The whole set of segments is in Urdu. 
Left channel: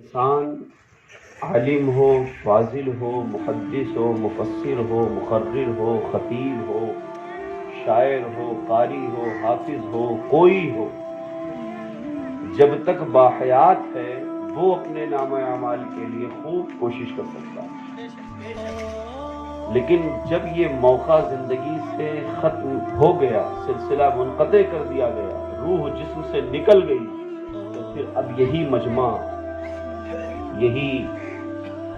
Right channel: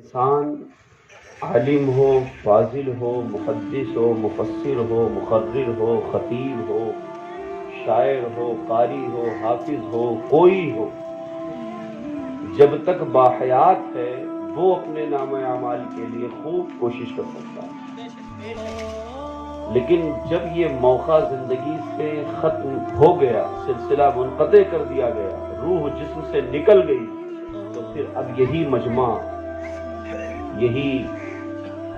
انسان عالم ہو، فاضل ہو، محدث ہو، مفسر ہو، مقرر ہو، خطیب ہو، شاعر ہو، قاری ہو، حافظ ہو، کوئی ہو، جب تک باحیات ہے وہ اپنے نام اعمال کے لیے خوب کوشش کر سکتا ہے، لیکن جب یہ موقع زندگی سے ختم ہو گیا، سلسلہ منقطع کر دیا گیا، روح جسم سے نکل گئی، تو پھر اب یہی مجمع، یہی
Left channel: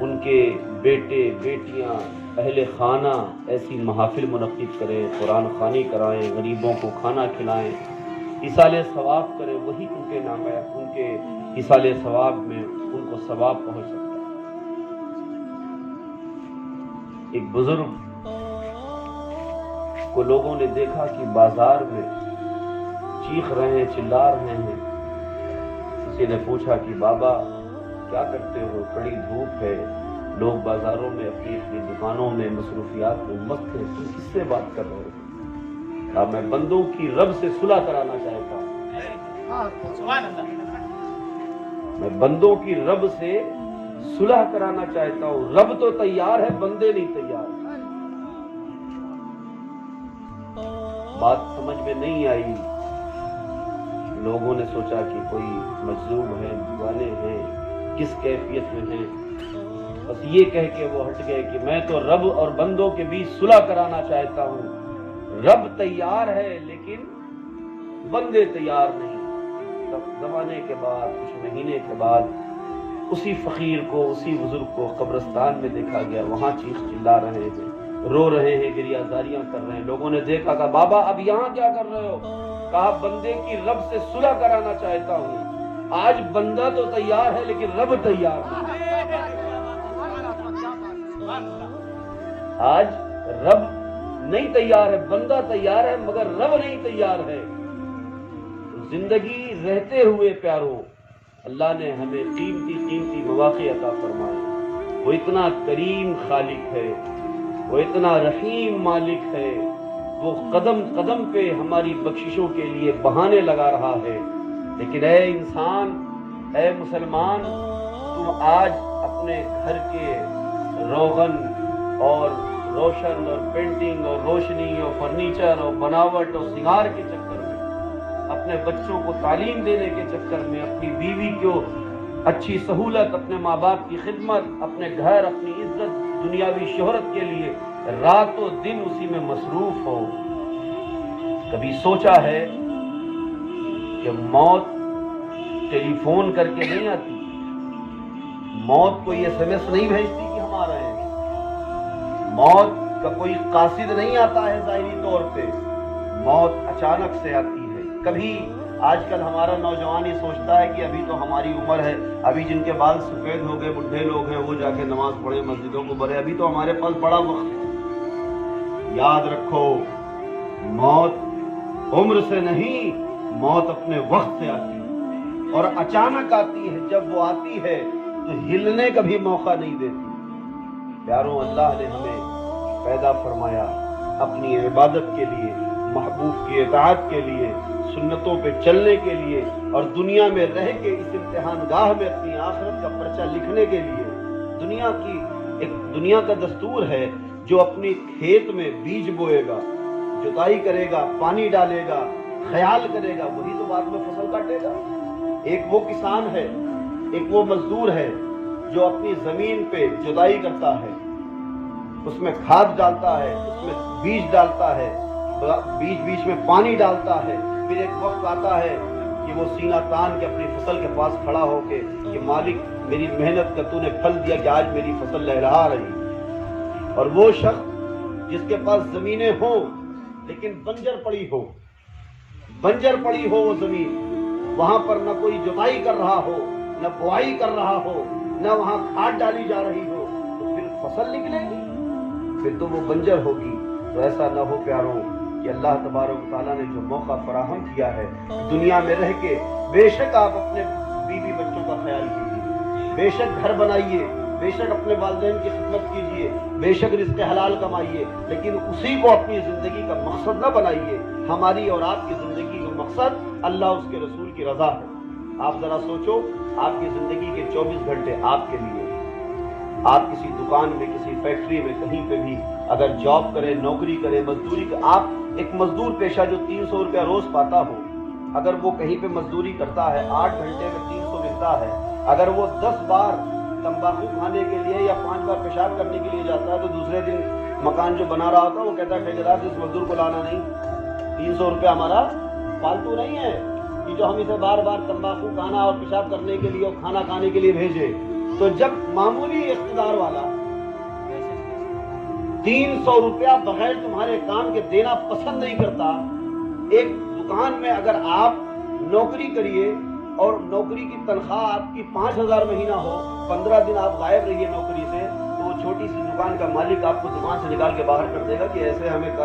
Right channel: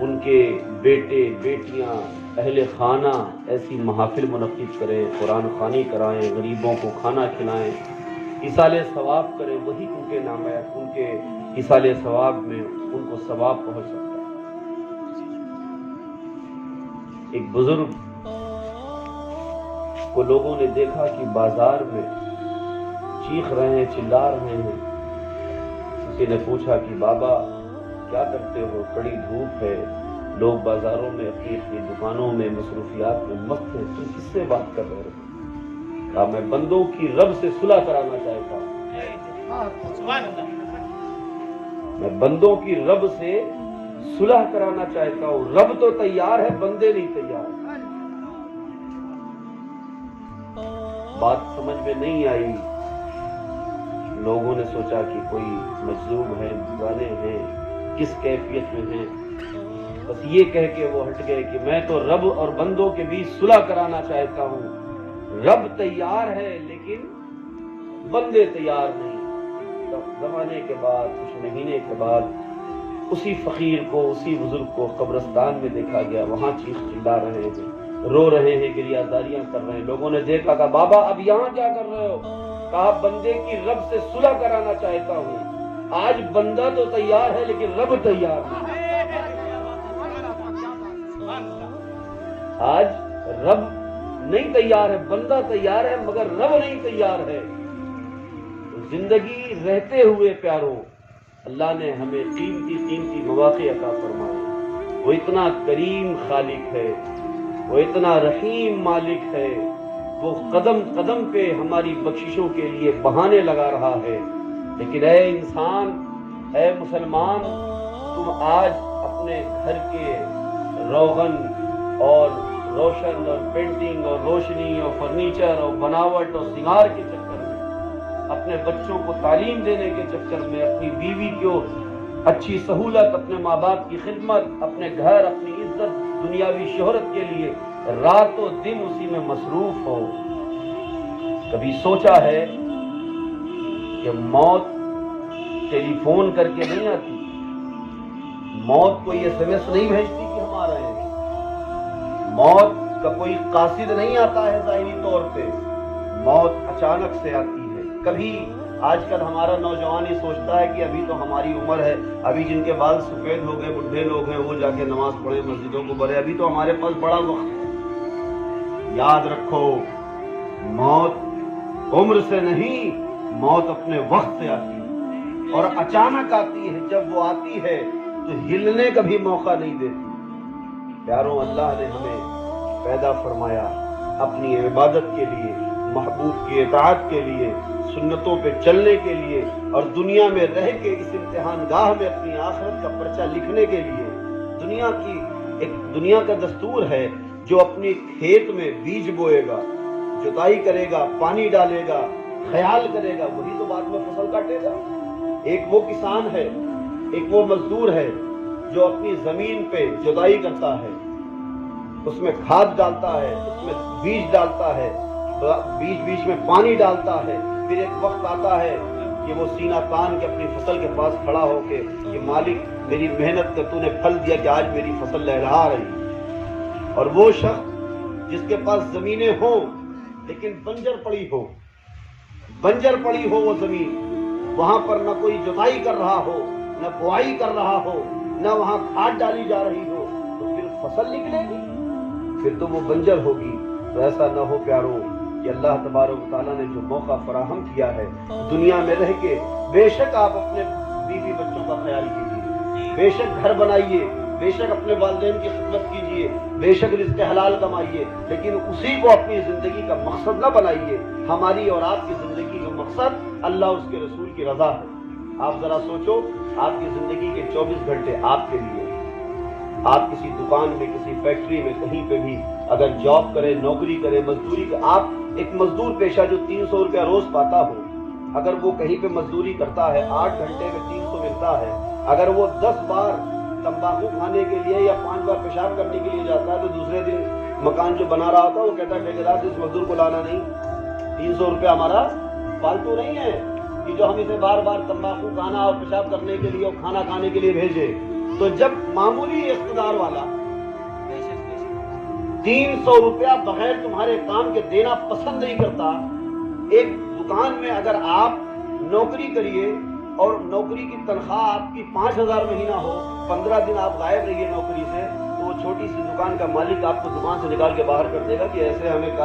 ان کے بیٹے بیٹیاں اہل خانہ ایسی محافل منعقد کریں، قرآن خوانی کرائیں، غریبوں کو کھانا کھلائیں، ایصال ثواب کریں، وہی ان کے نام ہے، ان کے ایصال ثواب میں ان کو ثواب پہنچ سکتا ہے۔ ایک بزرگ کو لوگوں نے دیکھا کہ بازار میں چیخ رہے ہیں، چلا رہے ہیں۔ کسی نے پوچھا کہ بابا کیا کرتے ہو؟ بڑی دھوپ ہے، لوگ بازاروں میں اپنی اپنی دکانوں میں مصروفیات میں مست ہیں، تم کس سے بات کر رہے ہو؟ کہا میں بندوں کی رب سے صلح کرانا چاہتا ہوں، میں بندوں کی رب سے صلح کرانا چاہتا ہوں، رب تو تیار ہے، بندے نہیں تیار۔ بات سمجھ میں نہیں آئی، لوگوں نے سوچا کہ کوئی مجذوب ہے، دیوانے ہیں، کس کیفیت میں ہیں، بس یہ کہہ کے وہ ہٹ گئے کہ میں تو رب اور بندوں کے بیچ صلح کرانا چاہتا ہوں، رب تیار ہے لیکن بندے تیار نہیں۔ زمانے کے بعد کچھ مہینے کے بعد اسی فقیر کو، اسی بزرگ کو قبرستان میں دیکھا گیا، وہاں چیخ چلا رہے ہیں، رو رہے ہیں، گریہ زاریاں کر رہے ہیں۔ لوگوں نے دیکھا کہ بابا اب یہاں کیا کر رہے ہو؟ کہا بندے کی رب سے صلح کرانا چاہتا ہوں، آج بندہ تو تیار ہے لیکن رب تیار نہیں۔ آج رب نہیں تیار ہے، بندہ تیار ہے مگر رب نہیں تیار ہے۔ زندگی رہتے ہوئے پیاروں، اللہ نے ہمیں قیمتی مواقع عطا فرمائے۔ وہ اتنا کریم خالق ہے، وہ اتنا رحیم مالک ہے، وہ قدم قدم پہ ہماری بخششوں کے لیے بہانے لگا رہا ہے۔ لیکن اے انسان، اے مسلمان، تم آج اپنے گھر کے روغن اور روشن اور پینٹنگ اور روشنی اور فرنیچر اور بناوٹ اور سنگار کے چکر میں، اپنے بچوں کو تعلیم دینے کے چکر میں، اپنی بیوی کو اچھی سہولت، اپنے ماں باپ کی خدمت، اپنے گھر، اپنی عزت، دنیاوی شہرت کے لیے رات و دن اسی میں مصروف ہو۔ کبھی سوچا ہے کہ موت ٹیلی فون کر کے نہیں آتی، موت کو یہ SMS نہیں بھیجتی کہ ہم آ رہے ہیں، موت کا کوئی قاصد نہیں آتا ہے ظاہری طور پہ، موت اچانک سے آتی ہے۔ کبھی آج کل ہمارا نوجوان ہی سوچتا ہے کہ ابھی تو ہماری عمر ہے، ابھی جن کے بال سفید ہو گئے بوڑھے لوگ ہیں وہ جا کے نماز پڑھے، مسجدوں کو بھرے، ابھی تو ہمارے پاس بڑا وقت ہے۔ یاد رکھو، موت عمر سے نہیں، موت اپنے وقت سے آتی ہے اور اچانک آتی ہے۔ جب وہ آتی ہے تو ہلنے کا بھی موقع نہیں دیتی۔ پیاروں، اللہ نے ہمیں پیدا فرمایا اپنی عبادت کے لیے، محبوب کی اطاعت کے لیے، سنتوں پہ چلنے کے لیے، اور دنیا میں رہ کے اس امتحان گاہ میں اپنی آخرت کا پرچہ لکھنے کے لیے۔ دنیا کا دستور ہے، جو اپنی کھیت میں بیج بوئے گا، جتائی کرے گا، پانی ڈالے گا، خیال کرے گا، وہی تو بعد میں فصل کاٹے گا۔ ایک وہ کسان ہے، ایک وہ مزدور ہے جو اپنی زمین پہ جتائی کرتا ہے، اس میں کھاد ڈالتا ہے، اس میں بیج ڈالتا ہے، بیچ میں پانی ڈالتا ہے، پھر ایک وقت آتا ہے کہ وہ سینہ تان کے اپنی فصل کے پاس کھڑا ہو کے کہ مالک میری محنت کا تو نے پھل دیا کہ آج میری فصل لہرا رہی۔ اور وہ شخص جس کے پاس زمینیں ہوں لیکن بنجر پڑی ہو وہ زمین، وہاں پر نہ کوئی جتائی کر رہا ہو، نہ بوائی کر رہا ہو، نہ وہاں کھاد ڈالی جا رہی ہو، تو پھر فصل نکلے گی؟ پھر تو وہ بنجر ہوگی۔ تو ایسا نہ ہو پیاروں کہ اللہ تبارک و تعالیٰ نے جو موقع فراہم کیا ہے دنیا میں رہ کے، بے شک آپ اپنے بیوی بچوں کا خیال کیجیے، بے شک گھر بنائیے، بے شک اپنے والدین کی خدمت کیجیے، بے شک رزق حلال کمائیے، لیکن اسی کو اپنی زندگی کا مقصد نہ بنائیے۔ ہماری اور آپ کی زندگی کا مقصد اللہ اس کے رسول کی رضا ہے، آپ ذرا سوچو، آپ کی زندگی کے 24 گھنٹے آپ کے لیے، آپ کسی دکان میں، کسی فیکٹری میں، کہیں پہ بھی اگر جاب کرے، نوکری کرے، مزدوری کرے، آپ ایک مزدور پیشہ جو 300 روپیہ روز پاتا ہو، اگر وہ کہیں پہ مزدوری کرتا ہے 8 گھنٹے میں 300 ملتا ہے، اگر وہ 10 بار تمباکو کھانے کے لیے یا 5 بار پیشاب کرنے کے لیے جاتا ہے تو دوسرے دن مکان جو بنا رہا ہوتا ہے وہ کہتا ہے ٹھیکیدار سے اس مزدور کو لانا نہیں، 300 روپیہ ہمارا فالتو نہیں ہے کہ جو ہم اسے بار بار تمباکو کھانا اور پیشاب کرنے کے لیے اور کھانا کھانے کے لیے بھیجے۔ تو جب معمولی اقتدار والا 300 روپیہ بغیر تمہارے کام کے دینا پسند نہیں کرتا، ایک دکان میں اگر آپ نوکری کریے اور نوکری کی تنخواہ آپ کی 5000 مہینہ ہو، 15 دن آپ غائب رہیے نوکری سے، تو وہ چھوٹی سی دکان کا مالک آپ کو دکان سے نکال کے باہر کر دے گا کہ ایسے ہمیں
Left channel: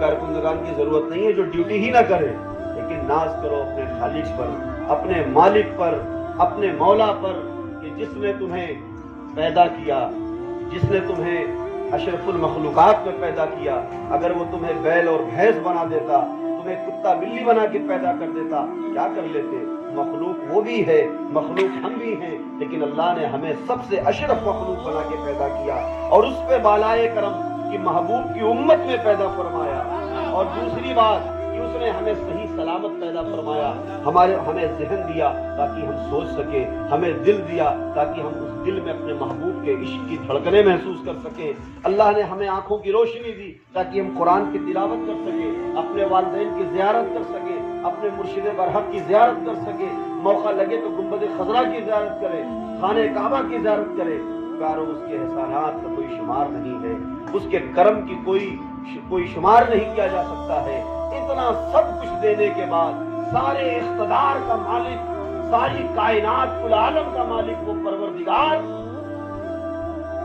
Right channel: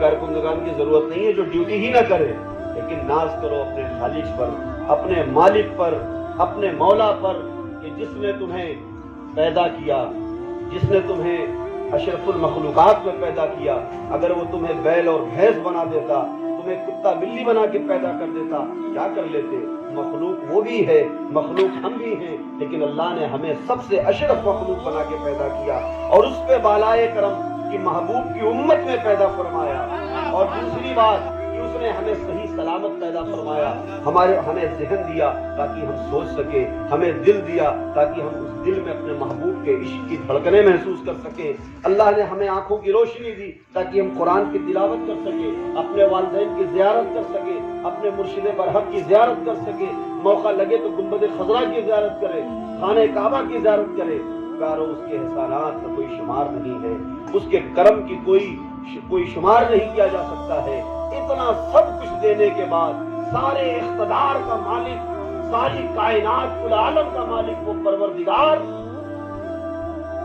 کارکنندگان کی ضرورت نہیں ہے جو ڈیوٹی ہی نہ کرے۔ لیکن ناز کرو اپنے خالق پر، اپنے مالک پر، اپنے مولا پر کہ جس نے تمہیں پیدا کیا، جس نے تمہیں اشرف المخلوقات میں پیدا کیا، اگر وہ تمہیں بیل اور بھینس بنا دیتا، تمہیں کتا بلی بنا کے پیدا کر دیتا، کیا کر لیتے؟ مخلوق وہ بھی ہے، مخلوق ہم بھی ہیں، لیکن اللہ نے ہمیں سب سے اشرف مخلوق بنا کے پیدا کیا اور اس پہ بالائے کرم کی محبوب کی امت میں پیدا فرمایا۔ اور دوسری بات کہ اس نے ہمیں صحیح سلامت پیدا فرمایا، ہمیں ذہن دیا تاکہ ہم سوچ سکیں، ہمیں دل دیا تاکہ ہم اس دل میں اپنے محبوب کے عشق کی دھڑکنیں محسوس کر سکیں، اللہ نے ہمیں آنکھوں کی روشنی دی تاکہ ہم قرآن کی تلاوت کر سکیں، اپنے والدین کی زیارت کر سکیں، اپنے مرشد برحق کی زیارت کر سکیں، موقع لگے تو گنبد خضرا کی زیارت کریں، خانہ کعبہ کی زیارت کریں۔ کارو اس کے احسانات کا کوئی شمار نہیں ہے، اس کے کرم کی کوئی شمار نہیں کیا جا سکتا ہے۔ اتنا سب کچھ دینے کے بعد سارے اقتدار کا مالک، ساری کائنات العالم کا مالک وہ پروردگار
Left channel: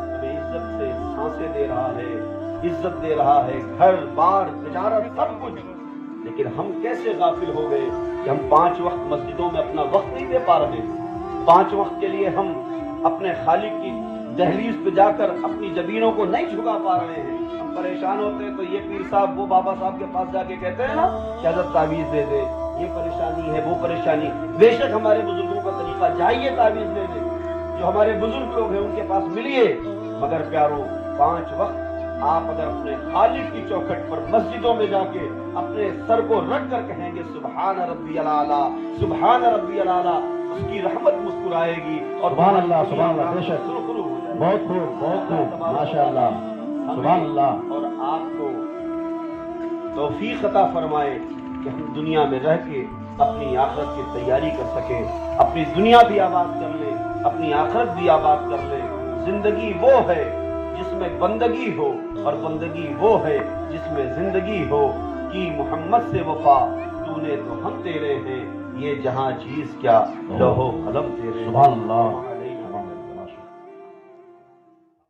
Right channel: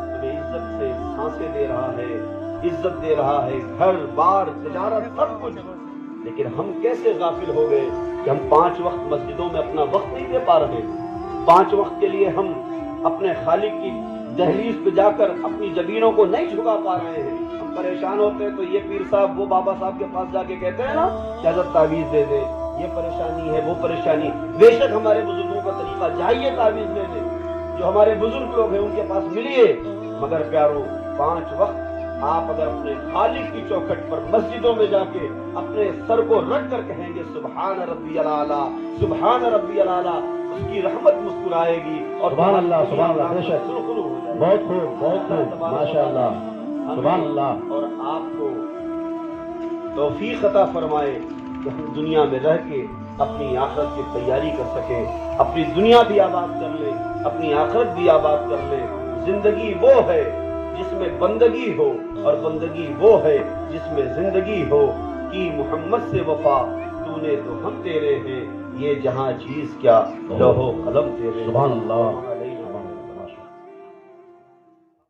ہمیں عزت سے سانسیں دے رہا ہے، عزت دے رہا ہے، گھر بار تجارت سب کچھ، لیکن ہم کیسے غافل ہو گئے کہ ہم 5 وقت مسجدوں میں اپنا وقت نہیں دے پا رہے، 5 وقت کے لیے ہم اپنے خالق کی دہلیز پہ جا کر اپنی جبینوں کو نہیں جھکا پا رہے ہیں۔ ہم پریشان ہوتے ہیں تو یہ پیر صاحب وہ بابا صاحب کے پاس جا کے کہتے ہیں نا کہ حضرت تعویذ دے دے، یہ پریشانی ہے، وہ پریشانی۔ بے شک ہمارے بزرگوں کا طریقہ جائیے تعویذ دے دے، جو ہمارے بزرگ لوگ ہیں ان کے پاس ملیے، مگر پیارو 5 وقت آپ اگر اپنے خالق کی چوکھٹ پر مسجدوں میں جا کے اپنے سر کو رکھ کر کہیں گے سبحان ربی الاعلیٰ، سبحان ربی الاعلیٰ، اس کی رحمت مسکرائے گی اور سبحان اللہ، سبحان اللہ، بے شک، بہت خوب، بہت خوب، ماشاء اللہ، سبحان اللہ۔ اور آپ کو توفیق عطا فرمائے کہ ہم دنیا میں رہ کے اپنی آخرت کی تیاری کر سکیں، اپنی دنیا بھی آباد کر لیں، اپنی آخرت بھی آباد کر لیں۔ زندگی وہ ہے جس میں بندگی ہو اور بندگی وہ ہے جس میں زندگی ہو، کی محمد سے وفا تو نے تو ہم تیرے ہیں، یہ جہاں چیز کیا لوح و قلم تیرے۔ سبحان اللہ۔